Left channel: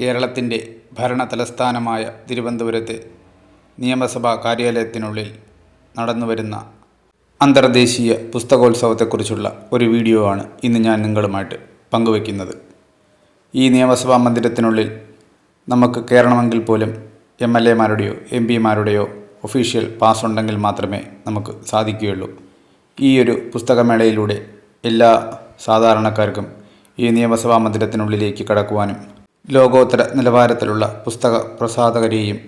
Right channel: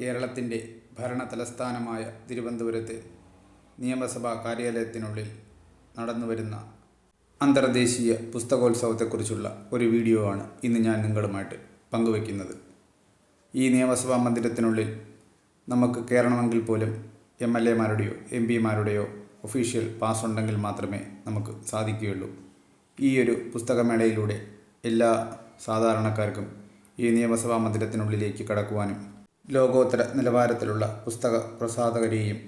കേരളത്തിന്റെ ഭരണ തലസ്ഥാനമായ തിരുവനന്തപുരത്തെ നിയമസഭാ കാര്യാലയത്തിനുള്ളിൽ നടന്നുവരുന്ന അന്തർദേശീയ പുസ്തകോത്സവത്തെക്കുറിച്ചുള്ള ഒരു വീഡിയോ ആണ് ഇന്ന് ഞാൻ നിങ്ങളുമായിട്ട് പങ്കുവയ്ക്കുന്നത്. ഈ നിയമസഭാ മന്ദിരത്തിനുള്ളിൽ നമുക്ക് കയറണമെങ്കിൽ പോലും എം എൽ എമാരുടെയോ എം പിമാരുടെയോ ഒഫീഷ്യൽ പാസ് ഉണ്ടെങ്കിൽ മാത്രമേ നമുക്ക് സാധിക്കുകയുള്ളൂ. ഈ ഒരു പുസ്തകമേളയിലൂടെ എല്ലാ സാധാരണക്കാർക്കും ഈ നിയമസഭാ മന്ദിരത്തിനുള്ളിലേക്ക് കടക്കുവാനും ലോകോത്തര നിലവാരത്തിലുള്ള പുസ്തക പ്രസാധകരെയും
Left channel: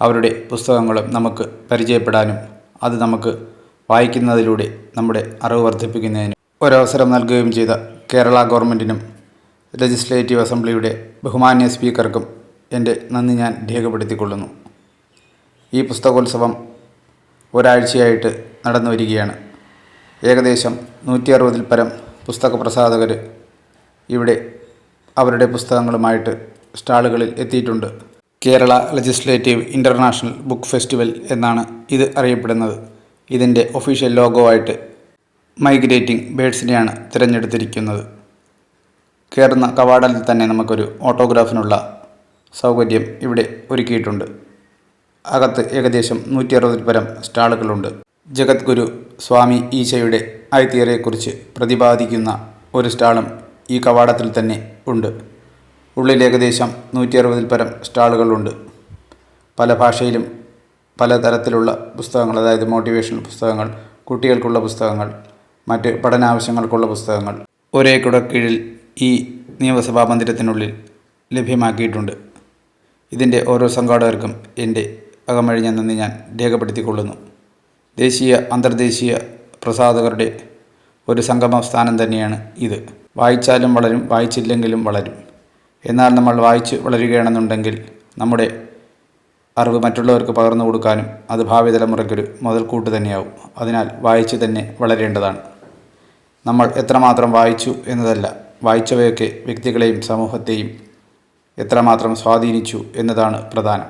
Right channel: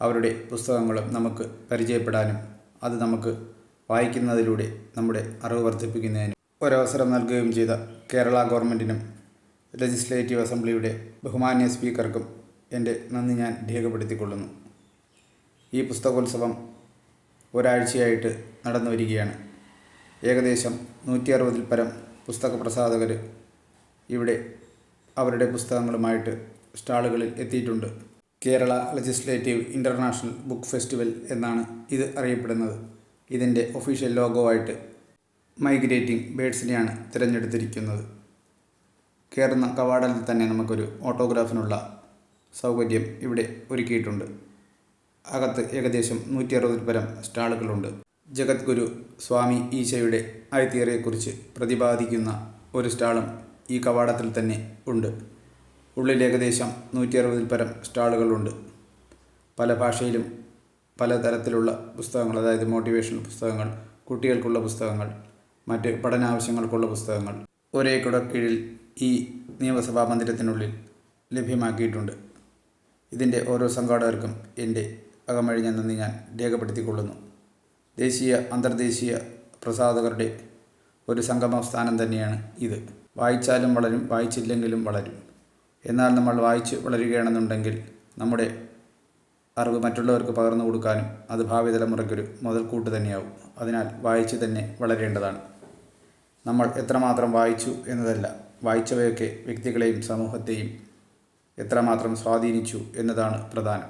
അവരുടെ പുസ്തകങ്ങളും നമുക്ക് പരിചയപ്പെടാനും അത് നമുക്ക് വായിക്കുന്നതിലൂടെ നമ്മുടെ അറിവ് വർദ്ധിപ്പിക്കുന്നതിനും ഒരവസരം നൽകുകയും ചെയ്ത കേരള ഗവൺമെന്റിനും ലെജിസ്ലേറ്റീവ് അസംബ്ലിയുടെ ബഹുമാന്യ സ്പീക്കർക്കും എന്റെ നന്ദി ഞാൻ രേഖപ്പെടുത്തിക്കൊള്ളുന്നു. ഈ പുസ്തകോത്സവം ഒരാഴ്ചയായിട്ട് നടന്നു വരികയാണ്. ഏകദേശം നൂറ്റി അറുപതിൽ പരം പുസ്തക പ്രസാധകർ ഇവിടെ അവരുടെ പുസ്തകങ്ങളുമായിട്ട് സ്റ്റാളുകളിൽ എത്തിയിട്ടുണ്ട്. Kerala legislative international book festival എന്നാണ് ഇത് അറിയപ്പെടുന്നത്. ഇതിന്റെ ഒഫീഷ്യൽ ലോഗോ ആയിട്ട് മൈഗ്രേറ്റിംഗ് ബേഡ്സിനെയാണ് തിരഞ്ഞെടുത്തിരിക്കുന്നത്. കയറുന്ന കവാടത്തിൽ തന്നെ നമുക്കൊരു ഓട്ടോഗ്രാഫിനുള്ള സൗകര്യം ഇവിടെ ഒരുക്കിയിട്ടുണ്ട്. അകത്ത് ഏകദേശം നൂറ്റി അറുപതിൽ പരം സ്റ്റാളുകളുണ്ട്. ജഗദ്ഗുരു സ്വാമി ഈശയുടെ ഐതിഹ്യത്തെക്കുറിച്ച് പ്രതിപാദിക്കുന്ന ഒരു സ്റ്റാളും ഈ കവാടത്തിൽ തന്നെ ഉണ്ട്. ഉള്ളിൽ ഏകദേശം നൂറ്റി അറുപതിൽ പരം സ്റ്റാളുകളുണ്ട്. പല ഭാഷയിലും പല തരത്തിലുള്ള പുസ്തകങ്ങൾ അതായത് മോട്ടിവേഷണൽ പുസ്തകങ്ങൾ കുട്ടികൾക്കുള്ള പുസ്തകങ്ങൾ മറ്റ് പഠനാവശ്യങ്ങൾക്കുള്ള പുസ്തകങ്ങൾ ഒരേ കുടക്കീഴിൽ ഈ നിയമസഭാ മന്ദിരത്തിനുള്ളിൽ ലഭ്യമാക്കിയിട്ടുണ്ട്. ഇതിന്റെ ഓരോ സംഘാടകർക്കും എന്റെ അകമഴിഞ്ഞ നന്ദി ഞാൻ രേഖപ്പെടുത്തിക്കൊള്ളുന്നു. ദേശീയ അന്തർദേശീയ പ്രസാധകരുടെ ഒരു സംഗമ സ്ഥാനം തന്നെയാണ് ഇത്. വായിച്ചാലും വളരും വായിച്ചില്ലെങ്കിലും വളരും. എന്നാൽ നമ്മൾ വായിച്ച് വളരുകയാണെന്നുണ്ടെങ്കിൽ നമ്മുടെ അറിവ് മറ്റുള്ളവർക്ക് പകർന്നു കൊടുക്കാനും അത് ഭാവി തലമുറയ്ക്കൊരു മുതൽക്കൂട്ട് തന്നെയാവും. അതിനാൽ വായിച്ച് തന്നെ വളരേണ്ടതാണ്. നമ്മൾ എത്രമാത്രം വായിച്ചു എന്നതല്ല വായിച്ചവയൊക്കെ വ്യക്തികളെയും സമൂഹത്തെയും എത്രമാത്രം സ്വാധീനിച്ചു എന്നതാണ് പ്രധാനം.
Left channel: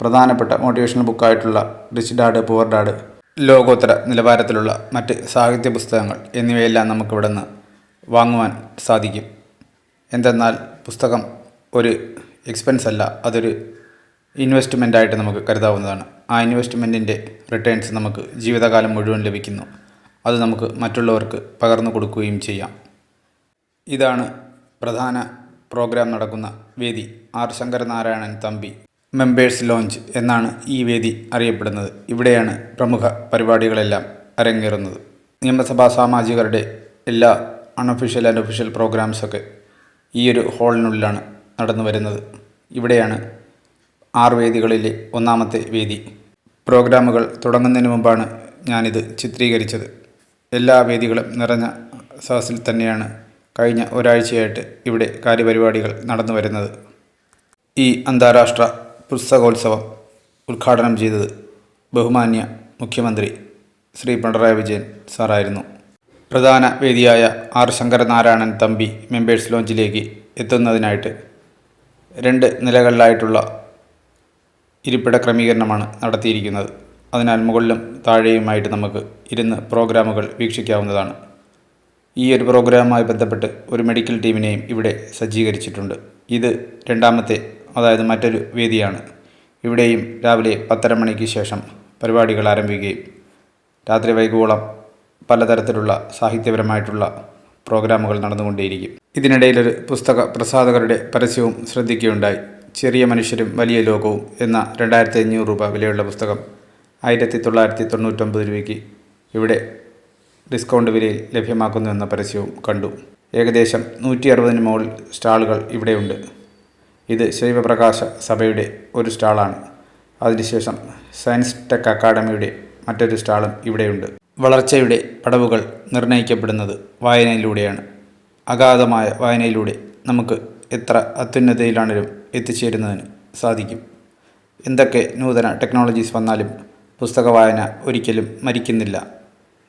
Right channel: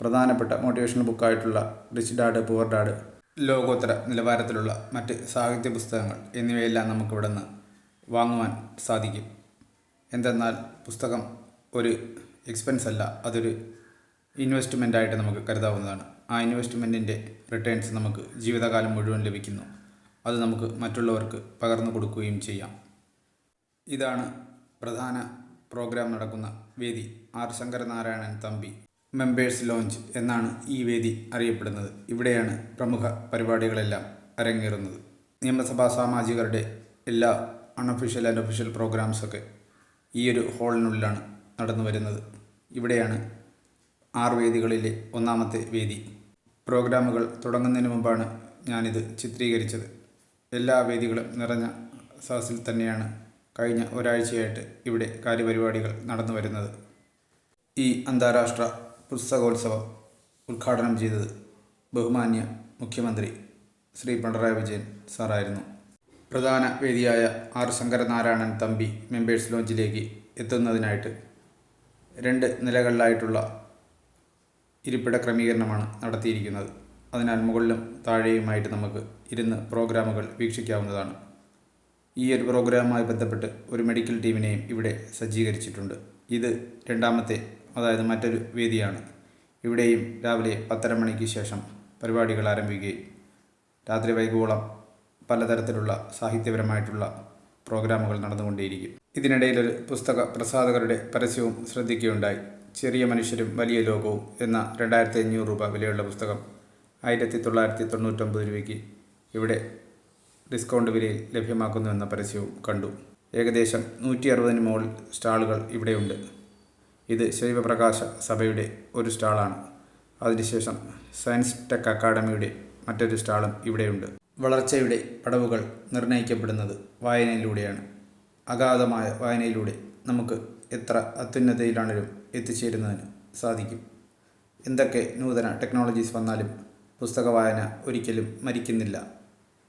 പ്രധാനപ്പെട്ട മോട്ടിവേഷണൽ ബുക്കായിട്ടുള്ള റിച്ച് ഡാഡ് പുവർ ഡാഡ് ലോകോത്തര നിലവാരത്തിലുള്ള മറ്റ് സാഹിത്യ പുസ്തകങ്ങൾ എന്നിവയെല്ലാം നമുക്കിവിടെ നിന്ന് വാങ്ങുവാൻ സാധിക്കും. എന്തെന്നാൽ പുസ്തകം ഒരു എക്സ്പെൻസ് അല്ല അതൊരു ഇൻവെസ്റ്റ്മെന്റ് ആയിട്ട് നമുക്ക് കരുതാവുന്നതാണ്. ആ ഇൻവെസ്റ്റ്മെന്റിന്റെ റിട്ടേൺസ് നമുക്ക് ജീവിതകാലം മുഴുവൻ ലഭിക്കുന്നു. അത് നമുക്ക് മറ്റുള്ളവർക്ക് പകർന്നു കൊടുക്കുകയും ചെയ്യാം. ഇതാണ് പ്രധാന പ്രോഗ്രാം നടക്കുന്ന വേദി. R. Sankaranarayanan Thampi members lounge എന്നാണ് ഈ വേദി അറിയപ്പെടുന്നത്. ഇവിടെയാണ് പ്രമുഖ പരിപാടികളെല്ലാം അരങ്ങേറുന്നത്. നിയമസഭാ സാമാജികരുടെ എല്ലാ അൺഒഫീഷ്യൽ ആൻഡ് ഒഫീഷ്യൽ പ്രോഗ്രാംസൊക്കെ ഈ ഒരു ഹാളിനുള്ളിലാണ് നടന്നു വരുന്നത്. ഇവിടെയാണ് ആറ് വേദികളിലെ ഒന്നാമത്തെ വേദി. പ്രോഗ്രാമുകൾ തുടങ്ങുന്നതിന് മുമ്പാണ് ഞാനിത് ചിത്രീകരിച്ചത്. എല്ലാ വേദികളും നിറഞ്ഞ സദസ്സിൽ തന്നെയാണ് കഴിഞ്ഞ ഒരാഴ്ചയായിട്ട് ഇവിടെ കാര്യപരിപാടികൾ നടന്നു വരുന്നത്. ഈ അന്താരാഷ്ട്ര പുസ്തകോത്സവം ഉദ്ഘാടനം ചെയ്തത് ബഹുമാന്യ മുഖ്യമന്ത്രി ശ്രീ പിണറായി വിജയൻ സാറായിരുന്നു. പ്രധാന വേദിയായ ആർ ശങ്കരനാരായണൻ തമ്പി മെമ്പേഴ്സ് ലോഞ്ചിലേക്ക് എത്തുന്നതിനായിട്ട് രണ്ട് നിലകളിലായിട്ടുള്ള ഇരിപ്പിട ക്രമീകരണമാണ് നടത്തിയിരിക്കുന്നത്. അതിനാൽ മുകളിലും താഴെയുമായിട്ട് നമുക്ക് ഇരുന്ന് പ്രോഗ്രാമുകൾ വീക്ഷിക്കാവുന്നതാണ്. ഈ ഒരു പ്രോഗ്രാമുമായി ബന്ധപ്പെട്ട് ഒരു മെഡിക്കൽ ടീമിനെയും ഇവിടെ സജ്ജീകരിച്ചിട്ടുണ്ട്. ഇത് രണ്ടാമത്തെ അതായത് മറ്റൊരു വേദിയാണ്. ഇവിടെയും രാവിലെ പത്തര മണിക്ക് ശേഷം പരിപാടികൾ ആരംഭിക്കുകയും രാത്രി വൈകുവോളം പലതരത്തിലുള്ള സാഹിത്യപരമായിട്ടുള്ള പ്രോഗ്രാമുകൾ നടന്നുകൊണ്ടേയിരിക്കും. ഇതിനിടയിലൊരു പുസ്തക പ്രസാധകരുടെ പരസ്യവും ശ്രദ്ധിക്കുകയുണ്ടായി. ചെറിയ മനുഷ്യരും വലിയ ലോകവും എന്ന രണ്ടായിരത്തി അഞ്ഞൂറ് രൂപ വിലയുള്ള പുസ്തകം ആയിരത്തി തൊള്ളായിരത്തി തൊണ്ണൂറ്റൊമ്പത് രൂപയ്ക്ക് ഇവിടെ ഡിസ്കൗണ്ട് വിലയിൽ ലഭ്യമാക്കുന്നു എന്ന പരസ്യവും കണ്ടു. ഏകദേശം നൂറ്റി അറുപതിന് മുകളിൽ സ്റ്റാളുകൾ ഇവിടെയുണ്ട്. ഇത് ശൈവപ്രകാശ സഭയുടെ ഒരു സ്റ്റാളാണ്. അതിനുശേഷം സയൻസ് ടെക് അക്കാഡമിയുടെ മറ്റൊരു സ്റ്റാളും ഇവിടെയുണ്ട്. വളർച്ചയുടെ പടവുകൾ നിർണയിക്കപ്പെടുന്നത് വായനയിലൂടെയാണ്. അഗാധമായ വായനയിലൂടെ നമുക്ക് എത്ര അത്യുന്നതയിലാണേലും എത്തിച്ചേരുന്നതിന് സാധിക്കും. എന്തൊക്കെ നൂതന ടെക്നോളജീസ് വന്നാലും പുസ്തക വായന ഒരിക്കലും മരിക്കുന്നില്ല.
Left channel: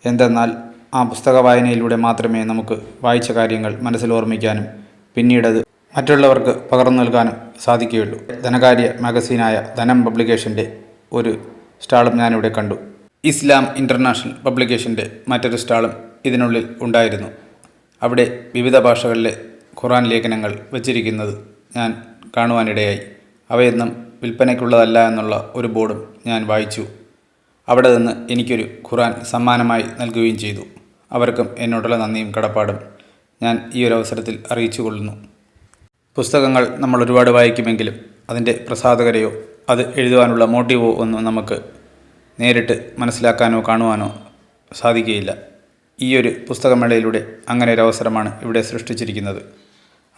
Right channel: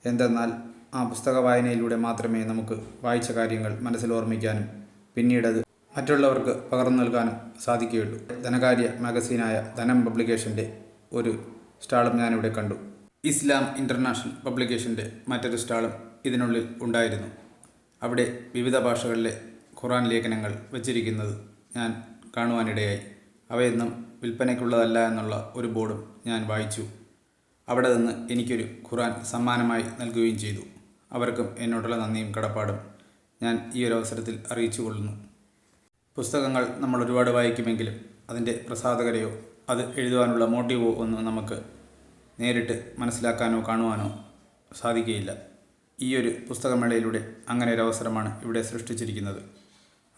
എന്തെന്നാൽ ആ പുസ്തക വായനയിലൂടെ മാത്രമേ നമുക്ക് വായിച്ച കാര്യങ്ങൾ മനസ്സിൽ ഓർമ്മിക്കാനും പിന്നീടത് മറ്റുള്ളവർക്ക് പകർന്നു നൽകാനും സാധിക്കുകയുള്ളൂ. ധനകാര്യ മാഗസീനായ ധനം പബ്ലിക്കേഷന്റെ ഒരു സ്റ്റാളും ഞാനിവിടെ കണ്ടു. ഇസ്ലാം ഇന്റർനാഷണൽ പബ്ലിക്കേഷന്റെ മറ്റൊരു സ്റ്റാളും ഇതിനുള്ളിൽ ഉണ്ടായിരുന്നു. അവിടെ വിവിധ ഭാഷകളിലെ ഖുറാൻ ലേഖനങ്ങൾ വച്ചിരിക്കുന്നത് ഞാൻ കാണുവാനിടയായി. അവയൊന്നും വിൽപ്പനയ്ക്കുള്ളതല്ല എന്നുള്ള ഒരു ബോർഡും ഞാൻ വായിച്ചു. അവിടെ നിന്ന് എനിക്കൊരു ഖുറാൻ സമ്മാനമായി നൽകുകയും ചെയ്തു. അവർക്കും എന്നോടുള്ള നന്ദിയും കടപ്പാടും ഞാൻ ഈ ഒരു അവസരത്തിൽ അറിയിച്ചു കൊള്ളുന്നു പുസ്തകങ്ങൾ നമ്മൾ ഒരുപാട് വായിക്കുമെങ്കിലും അതിന്റെ പ്രസാധകരെയോ അത് എഴുതുവാനുള്ള മോട്ടീവോ ഒന്നും നമുക്ക് നേരിട്ട് മനസ്സിലാക്കാനോ കാണുവാനോ സാധിക്കുകയില്ല. ഈ ഒരു പുസ്തകമേളയിലൂടെ അങ്ങനെ ഒരു അവസരമാണ് ഇവിടെ സൃഷ്ടിച്ചിരിക്കുന്നത്.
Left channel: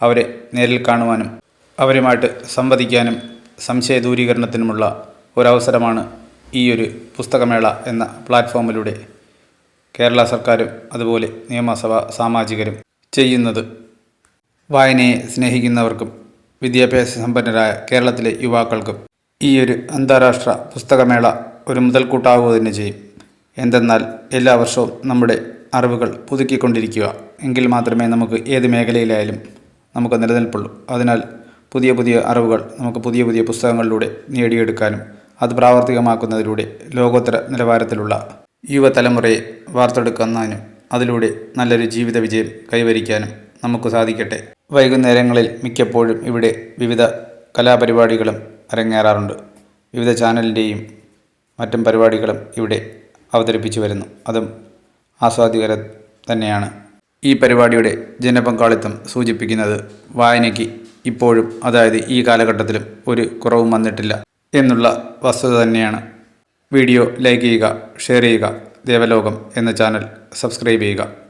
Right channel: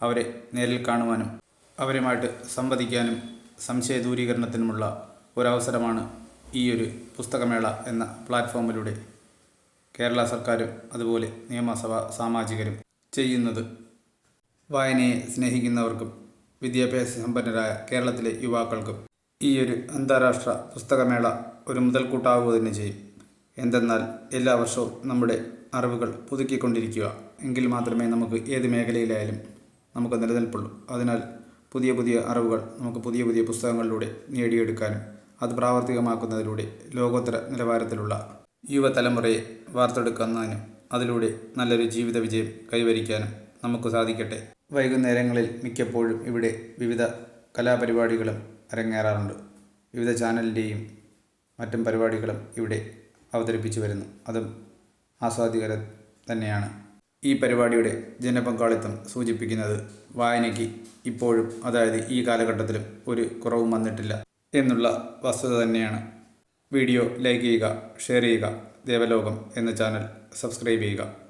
അവരെ നേരിൽ കാണുവാനും അവരുമായിട്ട് സംവദിക്കാനും സംശയ ദൂരീകരണത്തിനുമുള്ള ഒരവസരമാണ് ഈ ഒരു പുസ്തകമേള എന്ന പ്ലാറ്റ്ഫോമിലൂടെ കേരള സർക്കാരും അതുപോലെ നിയമസഭാ സാമാജികരും ചെയ്യുന്നത്. വായനയെ സ്നേഹിക്കുന്നവർക്കും വിദ്യാഭ്യാസ സമ്പന്നരായ കേരളത്തിലെ യുവാക്കൾക്കും ഈ ഒരു അന്താരാഷ്ട്ര പുസ്തകമേള ഒരു മുതൽക്കൂട്ടാവുക തന്നെ ചെയ്യും. എന്തെന്നാൽ എല്ലാ വർഷവും നമ്മുടെ അറിവുകൾ പുതുക്കിക്കൊണ്ടിരിക്കുക. എങ്കിൽ മാത്രമേ നമുക്ക് ഏത് മേഖലയിലായാലും നമുക്ക് നിലനിൽപ്പുള്ളൂ. അതിനാൽ പുതിയ പുതിയ അറിവുകൾ നമുക്ക് പുതിയ പുതിയ പുസ്തകങ്ങളിലൂടെ നേടിയെടുക്കാനും അത് പ്രാവർത്തികമാക്കുന്നതിലൂടെ ലോകോത്തര നിലവാരത്തിലുള്ള യുവതലമുറയെ വാർത്തെടുക്കുന്നതിനും അതിലൂടെ നല്ലൊരു ജീവിത വിജയം കൈവരിക്കാനും നമുക്ക് സാധിക്കട്ടെ. വൈകുന്നേരങ്ങളിൽ മിക്കപ്പോഴും ഇവിടെ വിവിധ കലാപരിപാടികളും അരങ്ങേറാറുണ്ട്. വിവിധ ചാനലിന്റെയും മറ്റും പരിപാടികളും ഇവിടെ അവതരിപ്പിച്ചു വരുന്നു. അതും ആസ്വാദികര തന്നെയാണ്. ഈ പരിപാടിയുടെ ജനപങ്കാളിത്തം സൂചിപ്പിക്കുന്നത് വായനയ്ക്ക് ഇപ്പോഴും അതായത് ഈ കാലഘട്ടത്തിലും ഒരു കുറവും വന്നിട്ടില്ല എന്നുള്ള വസ്തുത തന്നെയാണ്. വീഡിയോ ലൈക്ക് ചെയ്യുക ഷെയർ ചെയ്യുക ദേവലോകം എന്ന ചാനൽ സബ്സ്ക്രൈബ് ചെയ്യുക.